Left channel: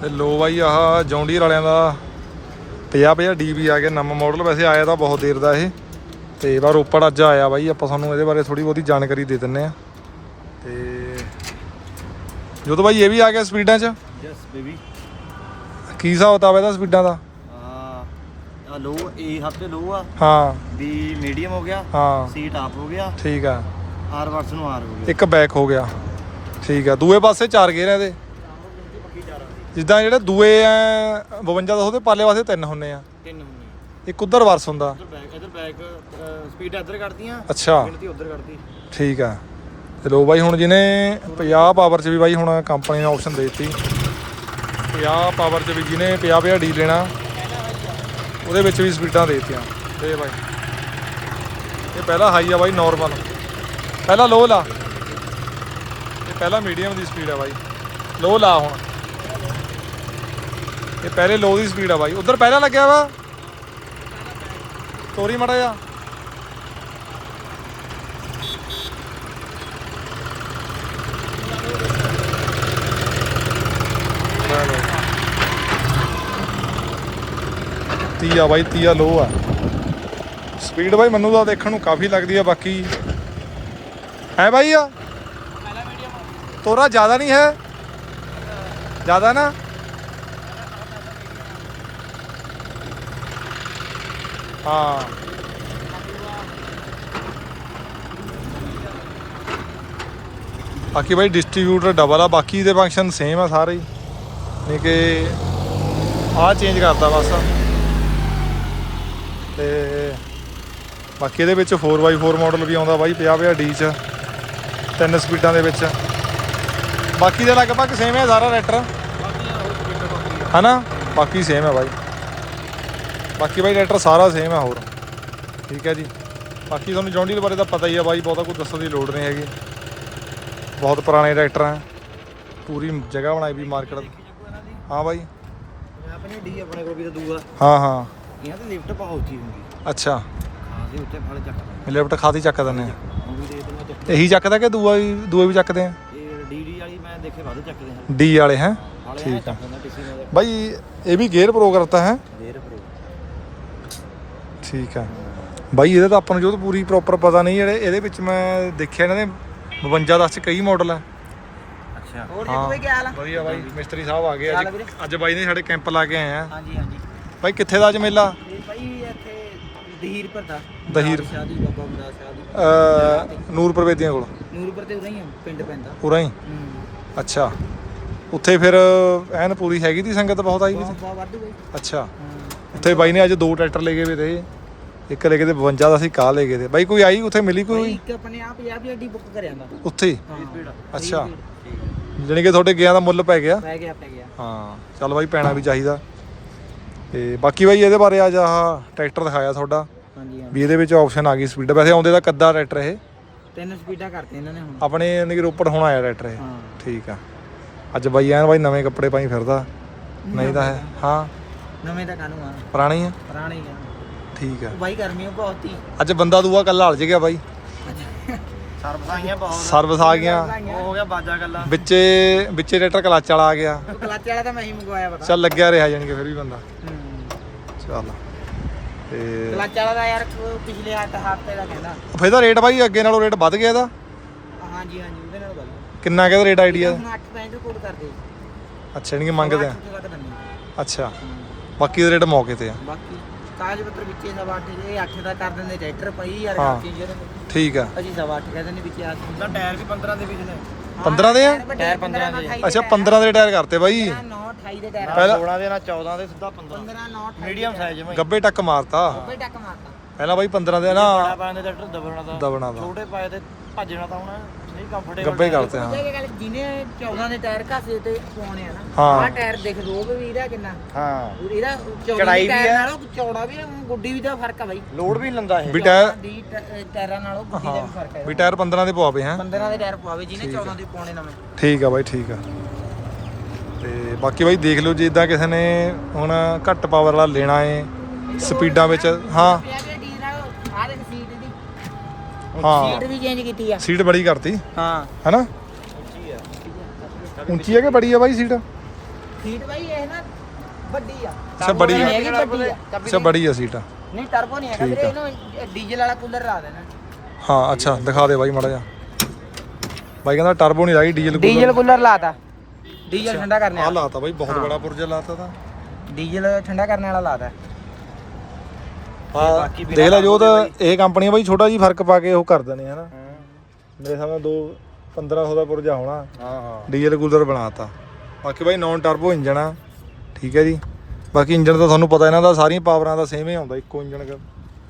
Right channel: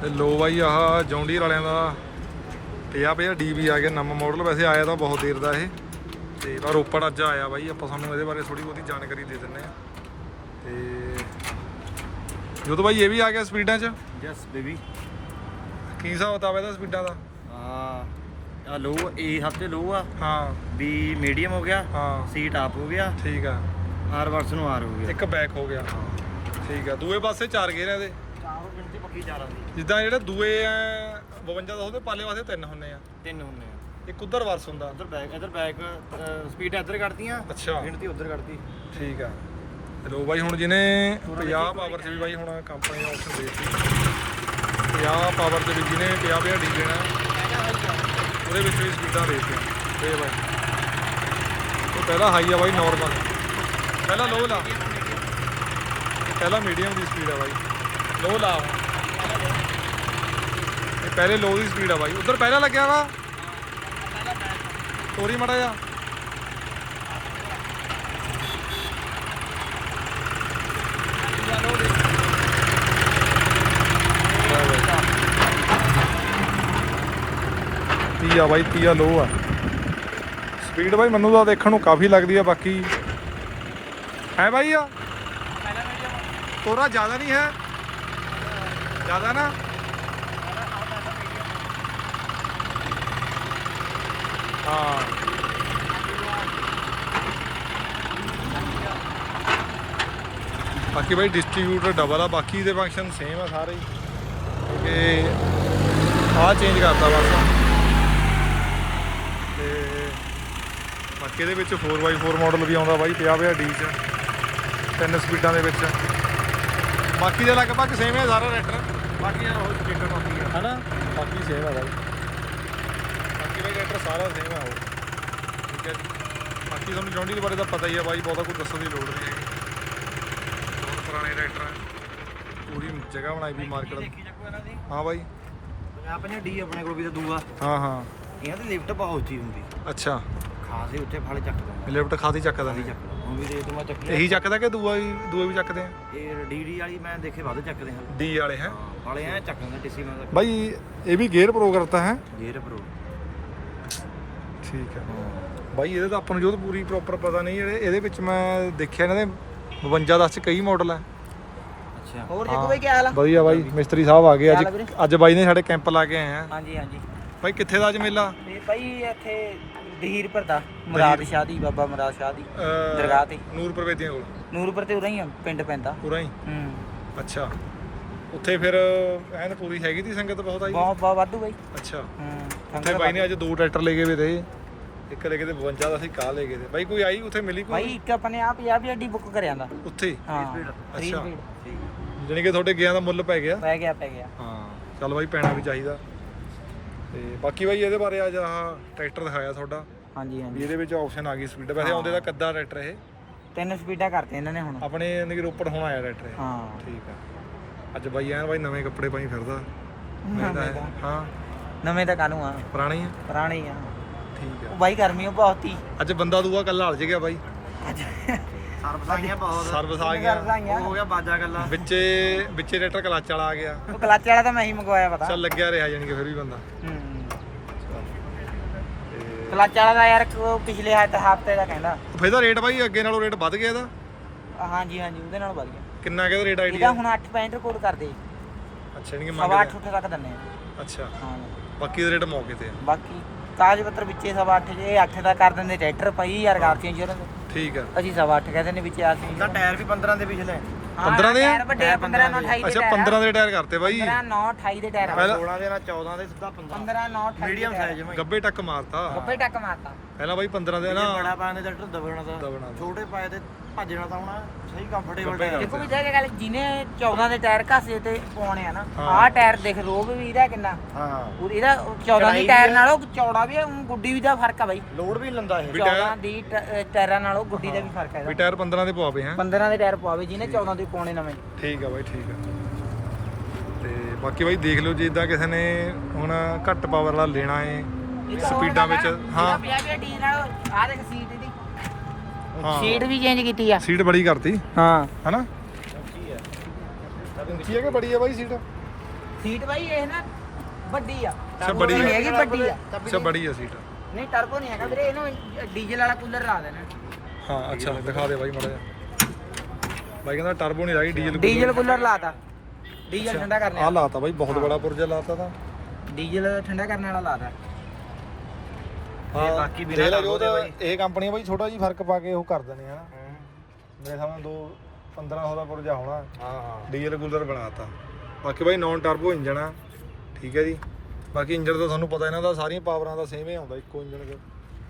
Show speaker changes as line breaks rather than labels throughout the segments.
ਤੇ ਲੋ ਬਾਈ ਆਹ ਜੌਂਡੀਅਰ ਵਾਲਿਆਂ ਦਾ 50 DB ਆ ਗਿਆ ਨਵਾਂ ਮਾਡਲ। ਵੈਸੇ ਆਇਆ ਤਾਂ ਬਹੁਤ ਦੇਰ ਦਾ ਇਹ, ਤੇ ਬਾ ਰੋਪੜ ਅੱਜ ਆਇਆ ਬਾਈ। ਆਪਾਂ ਤੁਹਾਨੂੰ ਇਹਦੇ ਬਾਰੇ ਥੋੜੀ ਬਹੁਤੀ ਜਾਣਕਾਰੀ ਦੇ ਦਿੰਨੇ ਆ। ਤੇ ਜਦੋਂ ਬਾਈ ਇਹ ਵੀ ਆ ਗਿਆ ਸਪੀਡਾਂ 'ਚ।
Yes baby.
ਕੀ ਹਿਸਾਬ ਕਿਤਾਬ ਇਹਦਾ ਸਪੀਡਾਂ ਦਾ?
ਆ ਲੋ ਇਹ ਸਭ ਤੋਂ ਲੋ ਆ।
ਹਾਂ
ਵੀ ਮੀਡੀਅਮ ਹੋ ਗਿਆ।
ਹਾਂ
ਸੀਟ ਆਪ ਹੋ ਗਿਆ।
ਠੀਕ ਆ।
ਆਰ ਵਰਸ ਨੂੰ ਆਰ ਹੋ ਗਿਆ।
ਇੱਕ ਬੈਕ ਹੋ ਗਿਆ। ਠੀਕ ਆ। ਦੂਏ ਪਾਸੇ 4 ਗੇਅਰ ਆ ਇਹਦੇ।
ਗਿਣਤੀ ਪੱਕੀ 4 ਦੀ।
ਜਿੱਦਾਂ ਜਿਹੜੇ ਦੂਏ ਆ 52 200 ਦੇ ਪਾਲੇ ਪਾਸੇ 3 ਹੁੰਨੇ ਆ।
3 ਹੁੰਦੇ ਆ।
ਇੱਕ ਉਧਰ ਵਰਸ ਹੁੰਦਾ।
ਇੱਧਰ ਬੈਕ ਸਪੀਡ ਇੱਧਰ ਕੱਢਦੀਆਂ।
ਅੱਛਾ
ਗਿਣਤੀ ਉੱਧਰ ਕੱਢਦੀ।
ਠੀਕ ਆ। ਤੇ ਲੋ ਬਾਈ ਹੁਣ ਜਿਹਨੇ 50 ਪਾਵਰ 'ਚ ਵੀ ਬਾਈ ਹੁਣ ਕੰਪਨੀ ਨੇ ਆਪਸ਼ਨ ਦੇ ਦਿੱਤੀ। 50 ਪਾਵਰ 'ਚ ਵੀ ਜਿਹਨੇ 50 ਡੀ ਲੈਣਾ ਉਹਦੇ ਵਿੱਚ ਵੀ ਸਪੀਡਾਂ ਦੇ ਦਿੱਤੀਆਂ। ਤੇ ਬਾਈ ਇਹ ਪਹਿਲਾ ਹਾਈ ਆ ਬਾਈ ਨੋਰਮਲ, ਪਹਿਲਾਂ ਲੋ ਲਾ। ਇਹ ਪਹਿਲਾਂ ਮੀਡੀਅਮ ਦੀ ਸਪੀਡ ਆ ਬਾਈ। ਲੋ ਲਾ ਹੁਣ। ਇਹ ਪਹਿਲੇ ਲੋ ਦੀ ਸਪੀਡ ਆ ਬਾਈ। ਉਧਰ ਪਹਿਲਾਂ ਲੱਗਿਆ ਵਾ ਤੋਰੀ ਮੜਾ ਜਾ। ਤੀਆ ਬਾਈ, ਤੀਆ ਲੋ ਆ ਸਪੀਡ ਬਾਈ। ਮੈਨੂੰ ਤਾਂ ਦੇਖਣ ਨੂੰ ਕਾਫੀ ਲੱਗਦੀ ਆ। ਬਾਕੀ ਹੈ ਬਾਈ ਆ ਤੋਰਾ ਜ਼ਿਆਦਾ ਨਹੀਂ ਹੈ, ਜ਼ਿਆਦਾ ਨਾ। ਹਾਂ ਬਾਕੀ ਬਾਈ ਡਿਸਟਰੀਬਿਊਟਰ ਡਬਲ ਆ। ਬਾਕੀ ਦੇ ਫੰਕਸ਼ਨ ਸੇਮ ਆ ਸਾਰੇ ਹੀ, ਨਹੀਂ ਕਿ ਆਹ ਚੇਂਜ ਕਰਤਾ ਬਸ। ਤੇ ਬਾਕੀ ਇਹਦੇ ਵਿੱਚ 4x4 ਮਾਡਲ ਵੀ ਆਉਂਦਾ ਬਾਈ 50 ਡੀ 'ਚ 3 ਸਪੀਡਾਂ ਦੇ ਵਿੱਚ। ਬਾਕੀ ਦੇ ਲਗਭਗ ਸੇਮ ਹੈ ਸਾਰਾ ਰੈਟਰ ਹੈ ਨਾ। ਬਾਕੀ ਸੇਮ ਹੈ ਬਾਈ। ਬਾਕੀ ਬਾਈ ਰੈਟਰ ਸਾਰਾ ਸੇਮ ਹੈ ਹੋਰ। ਠੀਕ ਹੈ ਜੀ। ਬਾਕੀ ਤੁਹਾਨੂੰ ਜੌਂਡੀਅਰ ਬਾਰੇ ਤਾਂ ਪਤਾ ਹੀ ਆ ਬਾਈ, ਬਹੁਤਾ ਕੁਝ ਦੱਸਣ ਦੀ ਲੋੜ ਨਹੀਂ ਹੈਗੀ। ਬਹੁਤ ਪੁਰਾਣੇ ਟਰੈਕਟਰ ਆ, ਪੂਰੀ ਜਗ੍ਹਾ ਬਣਾਈ ਵੀ ਮਾਰਕੀਟ। ਹਾਂ ਬਾਈ
ਆਪਣੇ ਡੀ ਆਪਣੇ ਕੋਲ ਵੀ ਤਾਂ ਦੂਆ।
ਹਾਂ ਹਾਂ
ਇਹਨਾਂ ਦੀ ਲਿਫਟ ਬਹੁਤ ਉੱਚੀ ਹੁੰਦੀ।
ਅੱਛਾ
ਖਾਸੇ ਉੱਤੇ ਫਲ ਚੱਕ ਦਿੰਦਾ।
ਲਿਫਟ ਖਾਦੀ ਚੱਕ ਦਿੰਦੇ ਆ।
ਹੁਣ ਵੀ ਦੇਖ ਮੈਂ ਚੱਕੀ।
ਇਹੀ ਚੱਕਦਾ ਕਿ ਦੂਏ ਵੀ ਚੱਕਦੇ ਆ?
ਇਹ ਡੀ ਵਾਲੀ ਮੈਂ ਦੇਖੇ ਵੱਧ ਚੱਕਦੇ ਹਾਂ।
ਡੀ ਵਾਲੇ ਹੈ
ਵਾਲੇ ਐ ਚੱਕ ਦਿੰਦਾ ਕਿਸੇ ਨਾਲ
ਬਾਈ। ਇਹ ਵੀ ਗੇਅਰ ਪ੍ਰੋ ਕਰਤਾ ਹੈ?
Gear pro.
ਠੀਕ ਆ ਬਾਈ। ਇਹਦਾ ਤਾਂ ਆਪਾਂ ਨੂੰ ਜੋ ਪੂਰੀ ਪ੍ਰੋਪਰ ਪਤਾ ਨਹੀਂ। ਜਿਹੜੇ ਇਹਦੇ ਵਿੱਚ ਮੈਂ ਦੇਖਿਆ ਇਹਨਾਂ ਦੇ 52 10 'ਚ ਕਈ ਮਾਡਲ ਹੈ।
ਅੱਛਾ
ਹਾਂ ਵਧੀਆ ਬਾਈ। ਮਿਸਤਰੀ ਸਾਹਿਬ ਆ ਗਏ ਅੱਜ ਬਾਈ ਨੇ ਸਾਡੇ ਕੈਂਪ ਲਾ ਕੇ ਆਏ ਆ।
ਹਾਂਜੀ ਹਾਂਜੀ
ਬਾਈ ਕਿੱਥੇ ਦਾ ਅੱਜ ਮੇਲਾ?
ਬਾਈ ਇੱਥੇ ਦਹੀਰਪੁਰ ਦਾ ਮੁਰਾਦ ਸ਼ਾਹ ਦੀ, ਬਾਬਾ ਮੁਰਾਦ ਸ਼ਾਹ ਦੀ ਦਰਗਾਹ ਤੇ।
ਨੂਰਪੁਰ ਵੇਦੀਆਂ ਕੋਲ?
ਨੂਰਪੁਰ ਤੇ ਉਰਾਂ ਹੀ ਪਿੰਡ ਪੈਂਦਾ।
ਉਰਾਂ ਹੀ? ਅੱਛਾ। ਉੱਥੇ ਫਿਰ ਐਨ ਪੂਰੀ ਹੈਗੀ ਤੀ ਸੰਗਤ ਬਹੁਤ ਆਈ?
ਬਹੁਤ ਵਾਧੂ ਬਾਈ।
ਅੱਛਾ। ਉੱਥੇ ਬਾਈ ਨੇ ਅੱਜ 2 ਟਰੈਕਟਰ ਲੈ ਕੇ ਵੇ ਤੇ ਇੱਕ ਲੈ ਕੇ ਤੇ 52 ਦਾ ਸੀ ਕਾਹ ਲੈ ਕੇ ਤੇ ਬਾਈ। ਕੋਈ ਆਈ ਉੱਥੇ ਮਿਲੀ ਕੋਈ?
ਇੱਕ ਆਪਣੇ ਆ 50 ਡੀ ਬੁੱਕ ਕਰਿਆ ਦਾ
ਉੱਥੇ।
ਹਾਂ
ਅੱਛਾ ਜਾਣੀ ਕਿ ਤੁਹਾਡੇ ਗਿਆ ਦਾ ਮੁੱਲ ਪੈ ਗਿਆ?
ਪੈ ਗਿਆ।
ਹਾਂ ਚੱਲ ਬਾਈ ਪੈਣਾ ਵੀ ਚਾਹੀਦਾ। ਤੇ ਬਾਕੀ ਬਾਈ ਇਹਦੇ ਬਾਰੇ ਅੱਜ ਆਹ ਟਰੈਕਟਰ ਦਿਖਾਇਆ ਤੁਹਾਡਾ।
ਹਾਂਜੀ
ਵੀ ਇਹਦੇ ਵਿੱਚ ਆਪਸ਼ਨ ਆ ਗਈ ਸਪੀਡ। ਵੈਸੇ ਆਉਂਦੇ ਦਾ ਕੱਦਾ ਟਰੈਕਟਰ ਇਹ?
3 ਸਪੀਡਾਂ ਕਰਤੇ ਇਹਨਾਂ ਨੇ ਹੁਣ
ਆਪਣੇ ਯਾਨੀ ਕਿ ਰੋਪੜ ਹੁਣ ਆਇਆ ਟਰੈਕਟਰ ਇਹ।
ਹਾਂ
ਠੀਕ ਆ। ਅੱਜ ਬਾਈ ਐਨ ਬਾਈ ਨਵੇਂ ਕੱਪੜੇ ਪਾਈ ਫਿਰਦਾ। ਨਹੀਂ ਤਾਂ ਹੈ ਹਾਂ
ਨਵੇਂ ਤਾਂ ਕਾਨੂੰ ਆ,
ਪੁਰਾਣੇ ਆ?
ਪੁਰਾਣੇ ਆ।
ਠੀਕ ਆ।
ਉਹ ਬਾਈ ਗਰਮੀ ਬਹੁਤ ਹੀ।
ਅੱਜ ਬੰਦਾ ਦੂਆ ਕੱਲਾ ਹਲ ਗਿਆ ਬਾਈ।
ਅੱਜ
ਸਰਵਿਸ ਆ ਗਿਆ।
ਹੋ ਗਿਆ ਬਾਜਾ ਗੱਲਾਂ
ਵਿੱਚੇ ਟਰੈਕਟਰ ਕਲੱਚ ਵਾਲਾ ਆ ਗਿਆ।
ਉਹ ਕਲੱਚ ਵਾਲਾ ਤਾਂ ਮੈਂ ਹੀ ਮੰਗਵਾਇਆ ਪਤਾ।
ਚੱਲ ਲੱਗਿਆ ਰਿਹਾ ਜਾਨੀ ਕਿ ਫਿਰ ਵੀ ਬੰਦਾ। ਚੱਲ ਤੇ
ਕਲੱਚ ਵਾਲਾ ਦਾ ਯਾਰ ਪਿਛਲੇ ਹਫ਼ਤੇ ਦਾ ਕਹਿੰਦਾ।
ਫਿਰ ਇਹਦਾ ਰੇਟ ਬਾਈ ਅੱਗੇ ਨਾਲੋਂ ਰੇਟ ਵੱਧ ਗਿਆ ਇਹਦਾ?
ਹਾਂਜੀ ਉਹਦੇ ਨਾਲ ਵੱਧ ਗਿਆ।
ਕਿੰਨਾ ਕਿਹਦਾ ਰੇਟ ਆਈਡੀਆ?
ਹੁਣ 8.65 ਰਿਕਾਰਡ ਕਰਦੇ।
ਅੱਛਾ ਨਹੀਂ ਮੰਗਦੇ?
8 ਤੱਕ ਦਿੰਨੇ ਆ।
ਅੱਛਾ
ਹਾਂ
ਬਾਕੀ ਦਾ ਰੇਟ ਮੌਕੇ ਤੇ ਆ?
ਬਾਕੀ ਕਾਗਜ਼ ਪੱਤਰ ਵਿੱਚੇ 8.5 ਜੇ 8 ਦਾ ਕਰ ਦਿੰਦੇ ਟਰੈਕਟਰ ਪਈ ਯਾਰ ਗਾਚੀਆਂ ਜੀ ਉਹਨਾਂ ਦੇ।
ਠੀਕ ਆ।
ਅਸੀਂ 8.5 ਕਹਿੰਦੇ ਨੇ ਵਿੱਚ ਆ ਕੇ। ਟਾਇਰ ਵੀ 15 ਦੇ ਪਿਛਲੇ।
15 ਦੇ ਆ?
ਟਾਇਰ 15 ਨਾਲ 28
ਅੱਛਾ 15 ਦੇ ਟਾਇਰ ਕਰਤੇ ਬਾਈ।
9 28 ਦੇ ਟਾਇਰ।
ਪਹਿਲਾਂ
16 ਦੇ ਨਾਲ 14 ਦੇ ਸਿੱਧਾ 15 9 ਮੀਡੀਅਮ ਸਾਈਜ਼ ਮੈਂ
ਗੱਬੇ ਟੱਕ ਮਾਰਤਾ।
ਗੱਬੇ ਟੱਕ ਮਾਰਤਾ
ਪਹਿਲਾਂ ਬਾਈ 15 ਦੇ ਨਾ
ਬੜਾ ਪਾਣੇ ਦਾ ਟਰੈਕਟਰ ਦਬਣਾ ਦਾ ਛੋਟੇ ਪਾਏ ਤੇ ਭੱਜਣਾ ਤਾਂ ਹੁਣ ਸਹੀ ਕੰਫਰਟੇਬਲ
ਗੱਬੇ ਕਰਦੇ
ਹਾਂ। ਜੇ ਗੱਲ ਜਿਹਨੇ 14 ਦੇ ਟਾਇਰ ਘਾਸੇ ਤੇ ਪਾਉਣੇ ਆ ਨਾ
ਹਾਂ।
ਆਹ ਟਾਇਰ ਦੇਖ ਲੋ ਵੀ ਇਹਦਾ ਕਿੰਨਾ।
ਹਾਂ
ਇਹਦਾ 14 ਦੇ ਟਾਇਰ ਨਾਲੋਂ ਚੌੜਾ ਵੀ ਗੁੱਡੀ ਵੀ ਦਾ ਫਰਕ ਆ ਬਾਈ।
ਲੋਡ ਵੀ ਲੈਂਦਾ ਇਹ।
14 ਦੀ ਟਾਇਰਾਂ ਨਾਲੋਂ ਗੁੱਡੀ ਦਾ ਵੀ ਫਰਕ ਹੈ।
ਵੀ ਟਾਇਰ 15 ਦੇ ਪਵਾਵੇ ਹੈ?
15 ਦੇ ਟਾਇਰ ਪਵਾਵੇ ਜਿਹਨੇ 14 ਦੇ ਪਾਉਣੇ ਨਵੇਂ।
ਠੀਕ ਆ ਬਾਈ ਠੀਕ ਆ। ਤੇ ਬਾਕੀ ਬਾਈ ਦੇਖ ਲਓ ਜੇ ਇਦਾਂ ਕਿਸੇ ਨੇ ਹੁਣ ਘੱਟ ਪਾਵਰ ਵਾਲਾ ਲੈਣਾ ਏ ਸਪੀਡਾਂ ਵਿੱਚ। ਹਾਂ
ਆ ਦੇਖ ਸੀਟ ਦੀ।
ਹਾਂ
ਸੀਟ ਵੀ ਚੇਂਜ ਕੀਤੀ ਆ।
ਸੀਟ ਬੜੀ ਕਰਤੀ
ਹਾਂ
ਹੈਨਾ? ਉੱਚੀ ਹੈ ਕਿ ਬੜੀ ਆ ਬਾਈ ਸੀਟ?
ਸੀਟ ਬਾਈ ਇਹ ਨਾ ਵੱਡੀ ਆ।
ਅੱਛਾ ਬੜੀ ਆ।
ਨਹੀਂ ਹੈਗੀ ਵੱਡੀ ਆ।
ਅੱਛਾ ਬੜੀ ਆ ਸੀਟ।
ਨਹੀਂ ਟਰਬੋ ਨਹੀਂ ਹੈਗਾ ਵੀਰੇ, ਇਹਨੂੰ ਡੀਜ਼ਲ ਵਾਲਾ ਕੂਲਰ ਲਾ ਦੇਣਾ।
ਹਾਂ ਅੱਛਾ ਦਿਖਾ ਦੇ ਬਾਈ ਮਾੜਾ ਜਿਹਾ। ਬਾਈ ਕਹਿੰਦਾ ਟਰਬੋ ਨਹੀਂ ਲਾਈ,
ਡੀਜ਼ਲ ਕੂਲਰ ਲਾਤਾ। ਡੀਜ਼ਲ ਠੰਡਾ ਕਰਨੇ
ਆ ਲਾਤਾ ਬਾਈ, ਬਹੁਤ ਬੜਾ ਪੁਰਜਾ ਲਾਤਾ ਤਾਂ।
ਡੀਜ਼ਲ ਠੰਡਾ ਕਰਨ ਵਾਲਾ ਲਾਤਾ।
ਹਾਂ ਦੇਖ ਲੈ ਜੋ ਤਾਂ ਇਹ ਕੰਪਨੀ ਬਾਈ ਛੋਟਾ ਜੀ ਫਰਕ ਪਾ ਕੇ ਉਹ ਕਰ ਦਿੰਦੇ ਹਨਾ। ਮੇਰੇ ਸਾਹਮਣੇ 1500 ਦਾ ਪੁਰਜਾ ਹੋਣਾ। ਹਾਂ ਡੀਜ਼ਲ ਕੂਲਰ ਬਣਾਤਾ। ਬਾਕੀ ਬਾਈ ਨੌਨ ਟਰਬੋ ਇੰਜਣ ਆ, ਠੀਕ ਹੈ ਜੀ। ਬਾਕੀ ਇੰਜਣ ਤਾਂ ਤੁਹਾਨੂੰ ਪਤਾ ਇਹਨਾਂ ਦਾ ਸਾਰੀਆਂ ਪਾਵਰਾਂ ਦਾ ਸੇਮ ਹੀ ਆਉਂਦਾ, ਇੱਕੋ ਇੰਜਣ ਦਾ।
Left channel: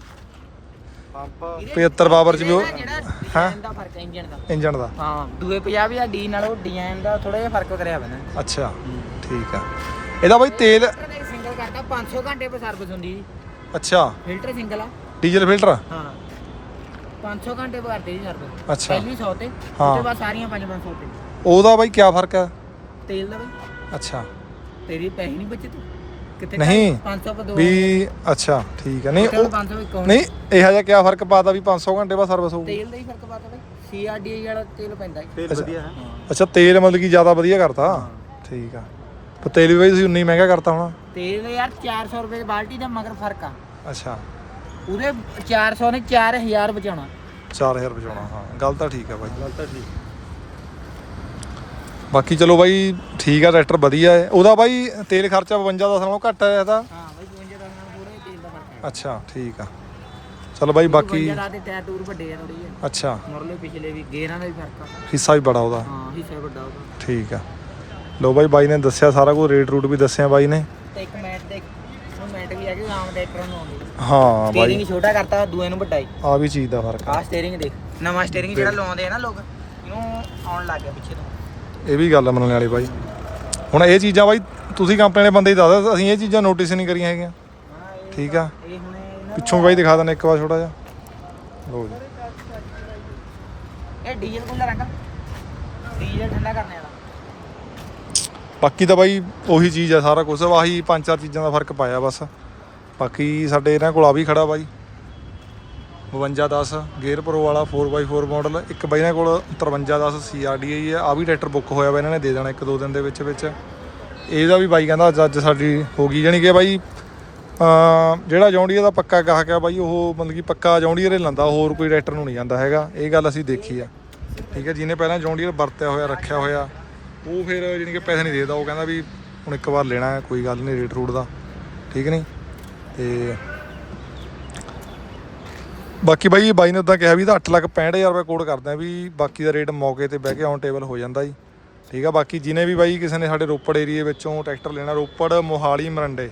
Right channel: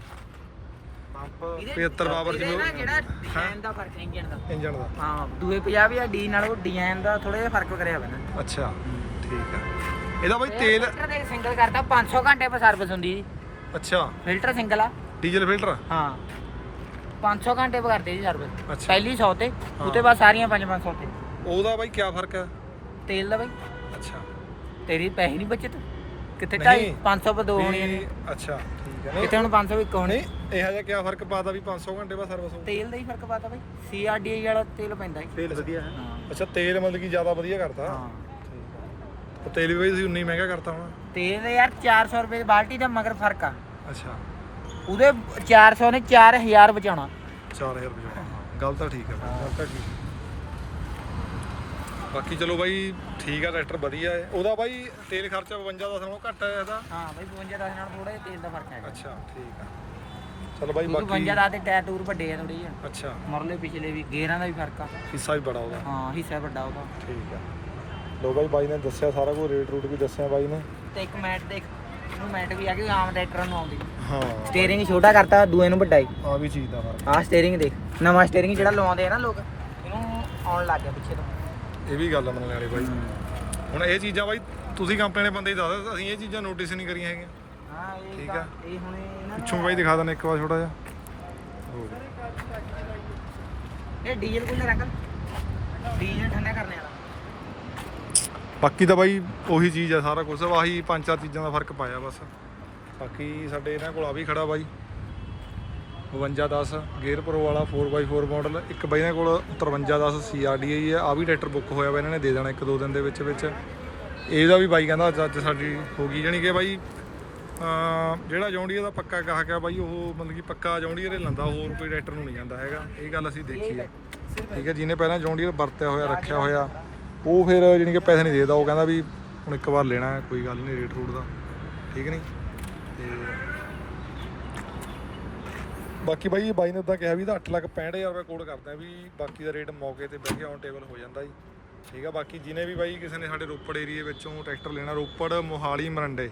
75 ਪਾਵਰ ਚ ਵੀ ਉਹ
ਹਾਂ ਦਾ ਫਰਕ ਹੈ
ਇੰਜਣ ਦਾ।
ਹਾਂ ਦੂਏ 50 ਆ ਡੀ ਨਾਲੋਂ ਡਿਜ਼ਾਈਨ ਦਾ ਥੋੜਾ ਜਿਹਾ ਫਰਕ ਕਰਿਆ ਬਣਾ।
ਅੱਛਾ ਠੀਕ ਆ। ਇਹਦਾ ਬਾਈ ਤੇਲ
ਸਿੰਗਲ ਕਰਦਾ 500 ਘੰਟੇ ਪਰ ਸਰਵਿਸ ਹੁੰਦੀ।
ਅੱਛਾ
ਫਿਲਟਰ ਸਿੰਗਲ ਆ,
ਡੀਜ਼ਲ ਫਿਲਟਰ।
ਹਾਂ 500 ਘੰਟੇ ਪਰ ਕਰਦੇ ਜੀ ਸਰਵਿਸ।
ਅੱਛਾ
ਪਹਿਲੀ 100 ਤੇ ਉਹਦੇ ਬਾਅਦ ਸਾਰੀਆਂ 500 ਤੇ।
ਉਹਦਾ ਬਾਈ ਕੀ ਫਰਕ ਹੈ?
ਤੇਲ ਦਾ ਬਾਈ।
ਅੱਛਾ
ਤੇਰੀ ਪੈਸੇ ਨਹੀਂ ਬਚੇ ਤੂੰ ਕਿਤੇ
ਨਹੀਂ
500 ਪਰ ਦੋ
ਵੀ। ਅੱਛਾ ਠੀਕ ਹੈ। ਨਹੀਂ
ਹੁਣ 500 ਇੱਕ ਹੋਣੀ।
ਨਹੀਂ ਇਹੋ ਜਿਹਾ ਕੀ ਫਰਕ ਪਾਤਾ ਵੀ 500 ਘੰਟੇ ਬਾਅਦ ਸਰਵਿਸ ਹੋਊਗੀ?
ਤੇਲ ਦਾ ਹੀ ਫਰਕ ਪਾਤਾ ਬਾਈ। CRDI ਵਾਲਾ ਤੇਲ ਪੈਂਦਾ ਤੇਲ ਵਧੀਆ ਹੈ।
ਅੱਛਾ ਤੇਲ ਮਤਲਬ ਕਿ ਜ਼ਿਆਦਾ ਵਧੀਆ ਕਰਤਾ। ਠੀਕ ਆ। ਪਰ ਤੇਲ ਵੀ ਬਾਈ ਤੁਸੀਂ ਉਨੀ ਮਹਿੰਗਾ ਕਰਤਾ ਹੋਣਾ।
ਤੇਲ ਯਾਰ 400 ਰੁਪਏ ਦੀ ਬਾਲਟੀ ਦਾ ਮਗਰ ਫਰਕ ਆ।
ਅੱਛਾ
ਉਹਦੇ 400 ਨੇ 4000 ਬਚਾਉਣਾ।
4000 ਬਚਾਉਣਾ। ਹਾਂ ਗੱਲ ਤਾਂ ਠੀਕ ਆ ਬਾਈ। ਬਾਕੀ ਚਲੋ ਬਾਈ ਠੀਕ ਆ, ਟਰੈਕਟਰ ਵਧੀਆ ਹੈ। ਉਹਦਾ ਬਾਈ ਤੇਲ ਖਰਚਾ 52 10 ਨਾਲੋਂ ਘੱਟ ਹੈ ਇਹਦਾ।
ਹਾਂ ਬਾਈ 52 10 ਨਾਲ ਥੋੜਾ ਤੇਲ ਦਾ ਫਰਕ ਹੈ।
ਅੱਛਾ ਠੀਕ ਆ। ਚਲੋ ਬਾਈ ਬਾਕੀ
52 10 ਦੇ ਟਾਇਰ ਟੂਰ ਵੱਡੇ ਆ ਥੋੜੀ ਜਿਹੀ।
ਅੱਛਾ
ਮਰਲੇ ਪਿਛਲੇ ਵੀ ਗੇਅਰਾਂ ਦਾ ਵੀ ਫਰਕ ਆ।
ਹਿੱਸਾ ਵੀ ਬੜਾ ਉਹਦਾ।
ਹਾਂ ਹਿੱਸਾ ਵੱਡਾ ਉਹਦਾ।
ਠੀਕ ਆ। ਲੋ ਬਾਈ ਨੇ ਦੱਸਿਆ ਸਾਰਾ ਕੁਝ, ਰੇਟ ਰੂਟ ਵੀ ਦੱਸਿਆ ਬਾਈ ਨੇ।
ਤੇ ਇੱਕ ਮੈਟ ਦੇ ਇਹਨੂੰ ਮੈਟ ਵੀ ਆ ਕਿ ਆਮ ਟਰੈਕਟਰ ਨੂੰ ਆਉਂਦੀ।
ਹਾਂ ਬਾਈ
ਸਟੀਅਰਿੰਗ ਛੋਟਾ ਕਰਤਾ, ਦੂਏ ਨੂੰ ਵੱਡਾ ਹੀ।
ਆ ਵੀ ਚੀਜ਼ ਦਾ ਫਰਕ ਆ।
ਆਹ ਸਟੀਅਰਿੰਗ ਦੇਖ, ਨਵਾਂ ਸਟੀਅਰਿੰਗ ਜਿਹੜਾ ਲਵਾਉਂਦੇ ਆ ਨਾ ਲੋਕ, ਇਹਨੂੰ ਆਉਣ ਲੱਗ ਗਿਆ ਪਿੱਛੇ ਤੋਂ।
ਇਹ ਵੀ ਗੱਲ ਮੰਨਣ ਵਾਲੀ ਬਾਈ। ਹੁਣ ਇਹ ਚੀਜ਼ਾਂ ਬਾਈ ਤੁਸੀਂ ਕੰਪਨੀ ਦੇ ਬੰਦੇ ਹੀ ਦੱਸਦੇ, ਅਸੀਂ ਇਹ ਚੀਜ਼ਾਂ ਨੋਟਿਸ ਨਹੀਂ ਕਰੀਆਂ ਹੈਗੀਆਂ।
ਹਾਂ ਇਹ
ਠੀਕ ਆ।
ਇਹ ਹੁਣ
ਪਿੱਛੋਂ ਬਾਈ ਦਿਖਾ ਦਿੰਦੇ ਇੱਕ ਵਾਰ ਛੋਟਾ ਜਿਹਾ। ਲੋ ਜੀ
ਇਹ ਡੀਜ਼ਲ ਕੂਲਰ ਅੰਕਲ, ਡੀਜ਼ਲ ਠੰਡਾ ਕਰਨੇ ਵਾਲਾ।
ਬਾਕੀ ਤਾਂ ਬਾਈ ਉਹੀ ਚੀਜ਼ ਆ ਸਾਰਾ ਕੁਝ, ਆਹੀ 5-4 ਚੀਜ਼ਾਂ ਦਾ ਫਰਕ ਪਾਇਆ ਬਸ। ਬਾਕੀ ਸਾਡੇ ਇਹਨਾਂ ਕੋਲ ਆ ਵੀ ਖੜਾ ਬਾਈ 5210 ਗੇਅਰ ਪ੍ਰੋ ਵਾਲਾ 4x4 ਮਾਡਲ। ਇੱਕ ਬਾਈ ਇਹਨਾਂ ਕੋਲ 5310 CRDI ਹੈ। ਆ ਵੀ ਟਰੈਕਟਰ ਬੁੱਕ ਹੋਇਆ ਵਾ, ਇਹਨਾਂ ਨੇ ਦੇ ਦੇਣਾ 1-2 ਦਿਨ ਦੇ ਵਿੱਚ ਵਿੱਚ। ਇਹਦਾ ਵੀ ਬਾਈ ਕਹਿੰਦਾ ਅੱਜ ਸਾਡੀ ਹੋ ਗਈ, ਜਾਣੀ ਕਿ ਬਾਈ ਜਿਹੜਾ ਜੌਂਡੀਅਰ ਦਾ ਪੱਕਾ ਗਾਹਕ ਆ ਬਾਈ, ਉਹ ਮਤਲਬ ਕਿ ਪੱਕਾ ਜੌਂਡੀਅਰ ਹੀ ਲੈਂਦਾ, ਹੋਰ ਕੋਈ ਟਰੈਕਟਰ ਨੂੰ ਨਹੀਂ ਜਾਂਦਾ ਹੈਗਾ। ਇਹ ਗੱਲ ਅਸੀਂ ਦੇਖੀ ਆ। ਠੀਕ ਹੈ, ਜਿਹਨੇ ਪਹਿਲਾਂ ਜੌਂਡੀਅਰ ਵਰਤਿਆ ਹੋਇਆ ਰੱਖਿਆ ਹੋਇਆ ਉਹ ਫਿਰ ਜਾਣੀ ਕਿ ਪੈਸੇ ਨਹੀਂ ਦੇਦਾ। ਉਹ ਕਹਿੰਦਾ ਵੀ ਹੁਣ ਇੱਕ ਵਾਰ ਲੈਣਾ, ਕੋਈ ਗੱਲ ਨਹੀਂ ਰੇਟ ਰੂਟ ਦਾ, ਠੀਕ ਨਹੀਂ। ਤੇ ਬਾਕੀ ਬਾਈ ਨੇ ਉਦਾਂ ਕਿਹਾ ਵੀ ਤਾਂ 8,65,000 ਰੁਪਏ ਕੋਡ ਕਰਦੇ ਆ ਵੀ। ਬਾਕੀ ਦਾ ਰੇਟ ਮੌਕੇ ਤੇ ਬਹਿ ਕੇ ਔਨ ਟੇਬਲ ਹੋ ਜਾਂਦਾ ਜੀ। ਠੀਕ ਆ। ਬਾਕੀ ਜਿਹਨੇ ਵੀ ਬਾਈ ਕਿਸੇ ਨੇ ਸਾਡੇ ਰੋਪੜ ਏਰੀਏ ਵਿੱਚੋਂ ਟਰੈਕਟਰ ਲੈਣਾ, ਰੋਪੜ ਮੋਹਾਲੀ ਮਰੰਡੇ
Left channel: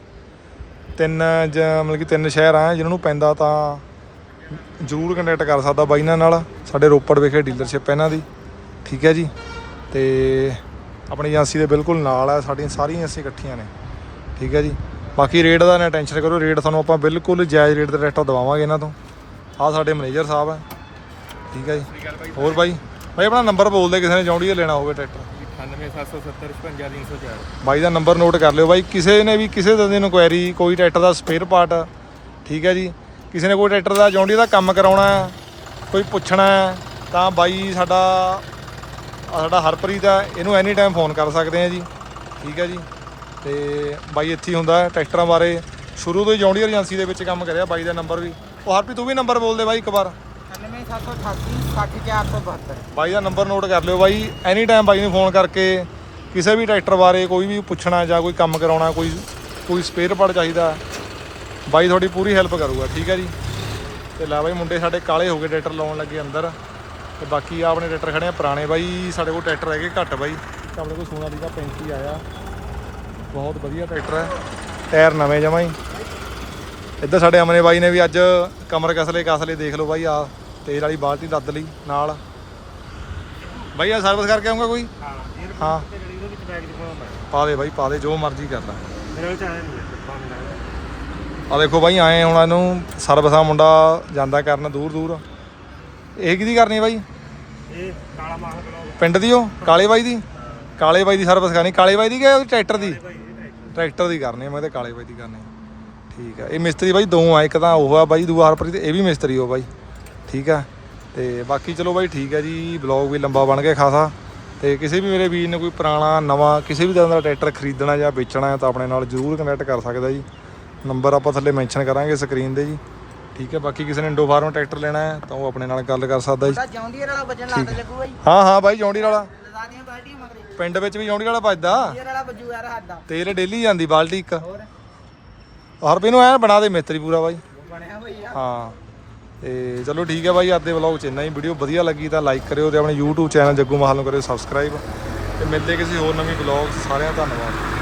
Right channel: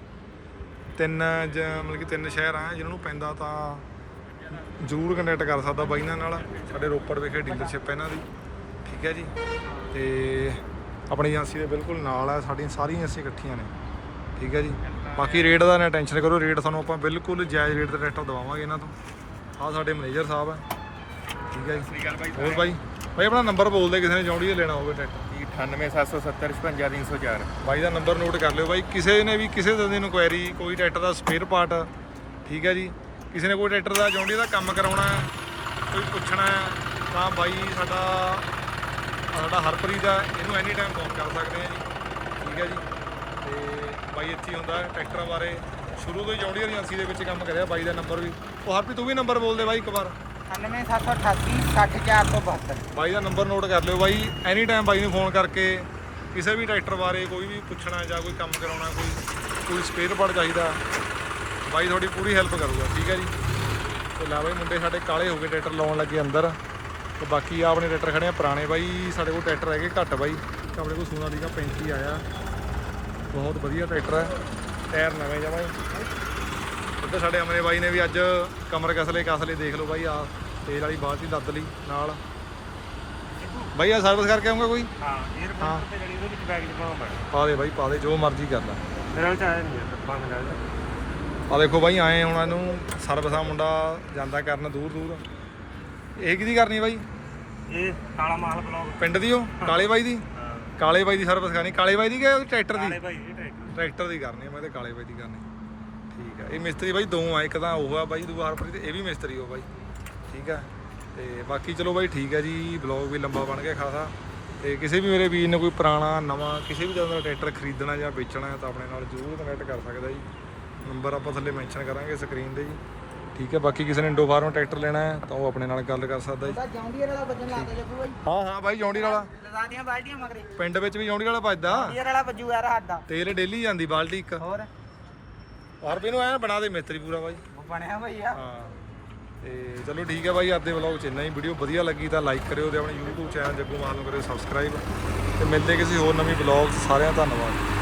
ਮਤਲਬ ਕਿ 3 ਸ਼ਹਿਰ ਆ ਜਿਹਨਾਂ ਨੂੰ ਪੈਂਦਾ, ਤਾਂ ਜ਼ਰੂਰ ਕੰਟੈਕਟ ਕਰ ਸਕਦਾ ਬਾਈ ਇਹਨਾਂ ਨਾਲ। ਸਾਡੇ ਰੋਪੜ ਵਿਖੇ ਡੀਲਰਸ਼ਿਪ ਇਹਨਾਂ ਦੀ, ਠੀਕ ਹੈ ਜੀ। ਤੇ ਆਪਣੀ ਏਜੰਸੀ ਦੇ ਬਿਲਕੁਲ ਨਾਲ ਆ, ਸਾਡੀਆਂ ਸਾਰੀਆਂ ਏਜੰਸੀਆਂ ਇਕੱਠੀਆਂ ਨੇ, ਠੀਕ ਹੈ ਜੀ। ਬਾਕੀ ਰੇਟ ਦਾ ਨਾ ਟੈਨਸ਼ਨ ਕਰੋ, ਰੇਟ ਤੁਹਾਨੂੰ ਆਪਾਂ ਬਿਲਕੁਲ ਜਾਇਜ਼ ਰੇਟ ਤੇ ਟਰੈਕਟਰ ਦਵਾਵਾਂਗੇ ਇਹਨਾਂ ਤੋਂ। ਆਹ ਸਾਡੇ ਮੈਨੇਜਰ ਸਾਹਿਬ ਹੈ, ਠੀਕ ਹੈ ਜੀ। ਹੋਰ ਬਾਈ ਆਪਣਾ ਨੰਬਰ ਬੋਲਦੇ ਕਿਸੇ ਨੇ ਜੌਂਡੀਅਰ ਲੈਣਾ ਹੋਵੇ ਟਰੈਕਟਰ।
9877055304
ਬਾਈ ਦਾ ਨੰਬਰ ਨੋਟ ਕਰ ਲਿਓ ਬਾਈ। ਕਿਸੇ ਨੇ ਵੀ ਕਿਸੇ ਤਰ੍ਹਾਂ ਦੀ ਇਨਕੁਆਇਰੀ, ਕੋਈ ਟਰੈਕਟਰ ਦਾ ਸਪੇਅਰ ਪਾਰਟ, ਠੀਕ ਹੈ ਜੀ, ਕਿਸੇ ਨੇ ਕੋਈ ਟਰੈਕਟਰ ਦਾ ਜੌਂਡੀਅਰ ਦਾ ਕੰਮ ਕਰਾਉਣਾ, ਕੋਈ ਪੁੱਛਣਾ, ਤਾਂ ਬਾਈ ਸਾਡਾ ਹਰਪ੍ਰੀਤ ਆ, ਇਹਨੂੰ ਐਨੀ ਟਾਈਮ ਫੋਨ ਕਰ ਸਕਦੇ ਆ ਜੀ, ਠੀਕ ਹੈ ਜੀ। ਤੇ ਬਾਈ ਇੱਥੇ ਹੀ ਹੁੰਦਾ ਟਰੈਕਟਰਾਂ ਬਾਰੇ, ਸ਼ੁਰੂ ਤੋਂ ਹੀ ਜੌਂਡੀਅਰ ਏਜੰਸੀ ਦੇ ਵਿੱਚ ਕੰਮ ਕਰਿਆ। ਬਾਈ ਦਾ ਨੰਬਰ ਵੀ ਉਹ ਹਰਪ੍ਰੀਤ ਤੂੰ ਵੀ ਨੰਬਰ ਬੋਲ ਦੇ ਬਾਈ ਇੱਕ ਵਾਰ।
9778 60472।
ਬਾਈ ਦਾ ਨੰਬਰ ਨੋਟ ਕਰ ਲਿਓ ਬਾਈ। ਐਨੀ ਟਾਈਮ ਬਾਈ ਨੂੰ ਫੋਨ ਕਰਕੇ ਕਿਸੇ ਵੀ ਟਰੈਕਟਰ ਬਾਰੇ ਕੋਈ ਵੀ ਪੁੱਛਣਾ ਜਾਂ ਕੋਈ ਕੰਮ ਕਰਾਉਣਾ, ਕੋਈ ਸਪੇਅਰ ਪਾਰਟ ਚਾਹੀਦਾ, ਬਾਈ ਤੁਹਾਡੀ ਪੂਰੀ ਹੈਲਪ ਕਰੂਗਾ, ਠੀਕ ਹੈ ਜੀ। ਤੇ ਲੈ ਬਾਈ ਮੁੰਡੇ ਸਾਡੇ ਕਾਲੇ ਹੋ ਗਏ ਟਰੈਕਟਰ ਲਾਉਣ ਲੱਗੇ ਅੰਦਰ। ਤੇ ਬਾਕੀ ਆ ਆਪਣੇ ਟਰੈਕਟਰ ਖੜੇ ਆ ਪੁਰਾਣੇ ਬਾਈ, ਸਾਡੇ ਕੋਲ ਟਰੈਕਟਰ ਹੈਗੇ ਘੱਟ ਬਾਈ। ਆਪਣੇ ਕੋਲ ਸੋਨਾਲੀਕਾ 35 ਆਇਆ, ਬਹੁਤ ਵਧੀਆ ਟਰੈਕਟਰ ਹੈ, ਟਾਇਰ ਨਵੇਂ ਜਮਾਂ ਹੀ। ਇੱਧਰ ਸਾਡੇ ਅਮਨੇ ਬਾਈ ਨੇ ਵੀ ਅੱਜ ਕਮਰ ਕਸਲੇ ਦੇਖ ਲਓ ਬਾਈ। ਆ ਤੇਲ ਵਾਲੀ ਬਾਲਟੀ ਲੱਦ ਲਈ ਨਾਲ ਬਾਈ। ਆ ਸਰਵਿਸ ਕਰਕੇ ਆਉਂਗਾ ਕੋਈ? ਹਾਂ
ਤੇ ਜਿਹੜੀ ਉਹਦੇ ਵਿੱਚ ਬੈਗ ਚ ਪਾਉਣਾ ਪੈਣਾ।
ਪਾ ਦੇ ਬਾਈ, ਪਾ ਦੇ, ਜੋ ਮਰਜ਼ੀ ਕਰ ਲੈ।
ਮੇਰੇ ਨਾਲ ਚਾਹੇ ਨਹੀਂ ਪਾ ਮਿਲਾ।
ਆ ਦੇਖੋ ਬਾਈ ਆਏ ਹੁਣ ਇਹਨੂੰ ਸਰਵਿਸਾਂ ਮੁੰਡਾ ਜਾਂਦਾ ਕਰਨ ਦੂਰ। ਇਹ ਕਿਹਦੀ ਕਰਨੀ ਬਾਈ?
ਇਹ ਕਾਲਾ ਮਾਲ ਬਲੌਗ
ਪਿੰਡ ਦੀ, ਉਹ ਕਾਲੇ ਬਾਈ ਦੀ। ਕਾਲੇ ਬਾਈ ਦੀ ਸਰਵਿਸ ਕਰਨੀ। ਕਾਲੇ ਬਾਈ ਦੀ ਕਿ ਟਰੈਕਟਰ ਦੀ? ਟਰੈਕਟਰ ਦੀ ਕਰਨੀ ਮੈਂ ਤੇ ਕਾਲੇ ਬਾਈ ਦੀ ਕਰਨੀ, ਠੀਕ ਆ। ਇਹ ਮਿਸਤਰੀ ਬਾਈ ਦੋ ਆ, ਇੱਕ ਤਾਂ ਉਹ ਆ ਬਾਈ, ਦੂਆ ਹਰਪ੍ਰੀਤ, ਇਹ ਵੀ ਮਿਸਤਰੀ ਹੋ ਬਾਈ, ਠੀਕ ਆ। ਤੇ ਬਾਕੀ ਚਲੋ ਬਾਈ ਠੀਕ ਹੈ ਜੀ। ਬਲੌਗ ਵੀ ਲੰਬਾ ਬਣ ਗਿਆ ਖਾਸਾ, ਤੇ ਕਿਸੇ ਵੀ ਮੇਰੇ ਵੀਰ ਨੇ ਕੋਈ ਪੁਰਾਣਾ ਨਵਾਂ ਕਿਸੇ ਵੀ ਤਰ੍ਹਾਂ ਦਾ ਟਰੈਕਟਰ ਖਰੀਦਣਾ ਜਾਂ ਵੇਚਣਾ ਹੈ ਤਾਂ ਆਪਣੇ ਨਾਲ ਜ਼ਰੂਰ ਕਨੈਕਟ ਕਰ ਸਕਦਾ ਜੀ। ਨੰਬਰ ਆਪਾਂ ਥੱਲੇ ਮੈਂਸ਼ਨ ਕਰਾਂਗੇ ਸਕਰੀਨ ਤੇ ਜੀ, ਠੀਕ ਹੈ। ਬਾਕੀ ਕਿਸੇ ਨੇ ਇੰਡੋ ਫਾਰਮ ਟਰੈਕਟਰ ਲੈਣਾ ਹੈ ਤਾਂ ਉਹ ਆਪਣੇ ਨਾਲ ਗੱਲ ਕਰ ਸਕਦਾ ਜੀ।
ਜੌਂਡੀਅਰ ਵਾਲਾ ਵੱਜਣ ਲੱਗ ਲੱਗੂਗਾ ਜੀ।
ਹਾਂ ਬਾਈ ਜੌਂਡੀਅਰ ਵਾਲਾ
ਲਗਾ ਦੀਆਂ ਬਾਲਟੀਆਂ ਮਗਰੇ
ਪਿੰਡ ਵਿੱਚ ਵੀ ਜੌਂਡੀਅਰ ਵਾਲਾ ਵੱਜਦਾ।
ਜੌਂਡੀਅਰ ਵਾਲਾ ਵੱਜੂ ਯਾਰ ਹੱਦ ਦਾ
ਤੇਲ ਡੇਲੀ ਜਾਂਦੀ ਬਾਲਟੀ ਇੱਕ।
ਹੋਰ
ਹਰ ਵੀ ਨੂੰ ਐਨ ਬਣਾ ਦੇ ਮਿਸਤਰੀ ਪੂਰਾ ਬਾਈ।
ਬਣਿਆ ਬਈ ਆ।
ਹਾਂ ਤੇ ਚਲੋ ਠੀਕ ਹੈ ਬਾਈ, ਅੱਜ ਦੇ ਵਲੌਗ 'ਚ ਇੰਨਾ ਹੀ। ਵੀਡੀਓ ਵਧੀਆ ਲੱਗੀ ਤਾਂ ਲਾਈਕ ਕਰਿਓ ਤੇ ਆਪਣੇ YouTube ਚੈਨਲ ਜੱਗੂ ਮਾਹਲ ਨੂੰ ਕਰਿਓ ਸਬਸਕ੍ਰਾਈਬ, ਤੇ ਮਿਲਦੇ ਕਿਸੇ ਹੋਰ ਨਵੀਂ ਵਲੌਗ। ਸਾਰਿਆਂ ਦਾ ਧੰਨਵਾਦ।